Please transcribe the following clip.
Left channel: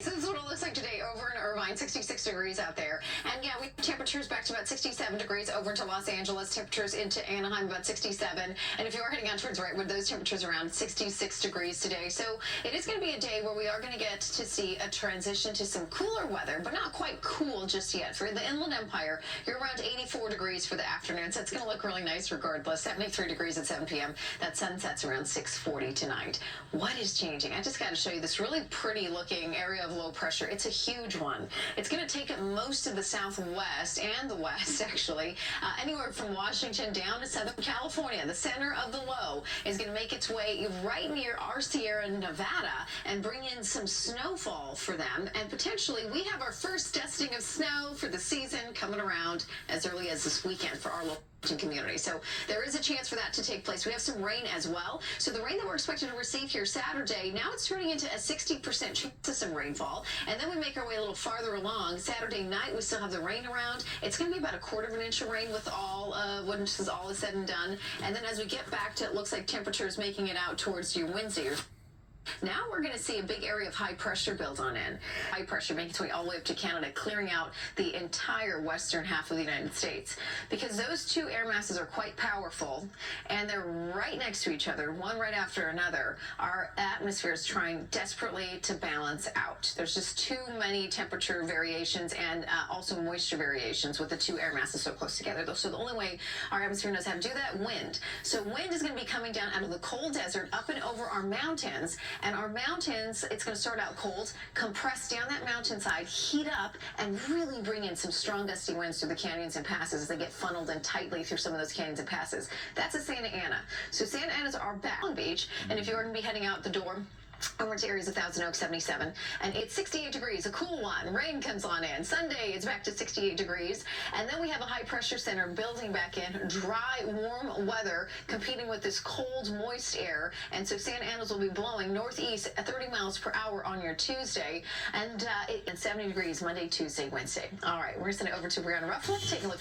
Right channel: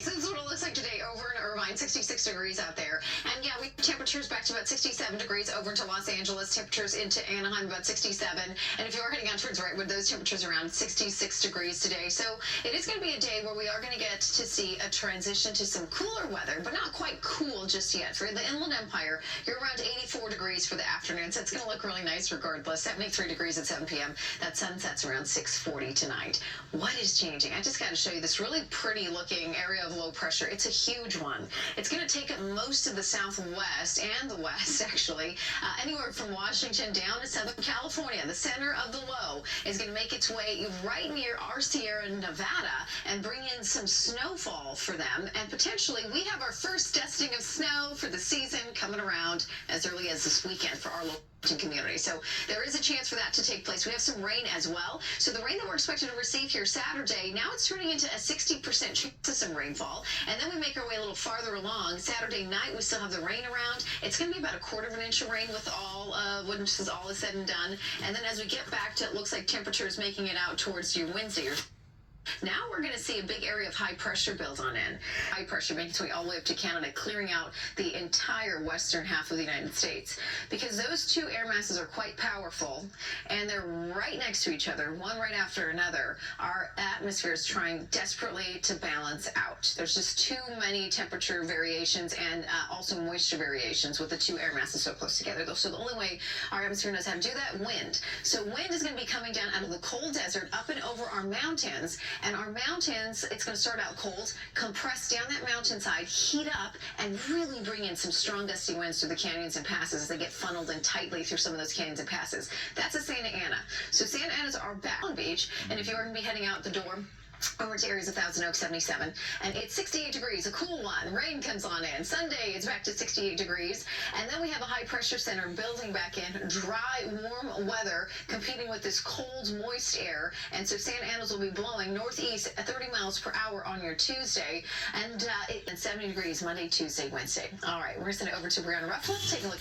This is what it looks like today over in Irvine, 66 degrees out there. And yeah, we have temperatures back to about 67 degrees over into Los Angeles, temperatures into Anaheim about 67. And if you are heading out towards Redwood, those temperatures around 66 degrees today. So it is going to be a day where we are going to get to see a transition to some cooler weather, but not quite cool just yet. For the Inland Empire, you're around 84 degrees for the afternoon, so it's going to look really nice regardless. 73 degrees at 7 p.m. That sunset's around 6:40 tonight. What is changing? I just got to show you this really pretty looking area of low pressure. It's a huge one. It's going to take up most of the southwest and the west, actually, anywhere from Washington down to Southern California. The center of the low is going to make its way right near our Sierra Nevada and bring in some snowfall for them. And potentially, we have our first dusting of snow for the season coming around as early as this weekend for our local community. So there is a chance for that to take place. We have some rain as well. So the rain that we're expected to receive here Saturday, now it's turning into a 60% chance of some rainfall. And then we make our way a little farther along. Saturday night, we still have the rain around. It's going to be about 1/4 of an inch of rain with when all is said and done. And then as we get back to, it looks like temperatures making it out towards your Wednesday. Now we're going to see a big area of high pressure build on in. High pressure making its way all the way up to Canada, clearing out the entire western half of the United States. Because those two air masses are quite powerful, and they're right next to each other, one right after another. Our atmosphere is trying desperately to balance out. There's just too many temperature variations and also moisture variations with the two air masses so close together. So the only way our atmosphere knows how to do that, wind. So wind is going to be coming down out of the cold desert up and over our mountains. And our mountains, it's going to start out cold, compress down that mountainside, heat up, and really bring in some strong gusty winds through the canyons and passes as they get funneled in tightly through some of those canyons and passes. That's a Santa Ana. So Santa Ana's our back on beach, and if you're going to be heading out the door over to areas of Thousand Oaks, 77, and it's 68 degrees, a cool one. Rain comes on in. Sunday, it's back to 68 degrees, and then we have a high pressure center building back in, dry, warm weather competing with this cold, moist air, and so Santa Ana's will be blowing northeast at 30 miles per hour on your Tuesday, and 70 degrees Monday, Tuesday, Wednesday. All right, we're going to send it over to Brianna Ruffalo to take a look at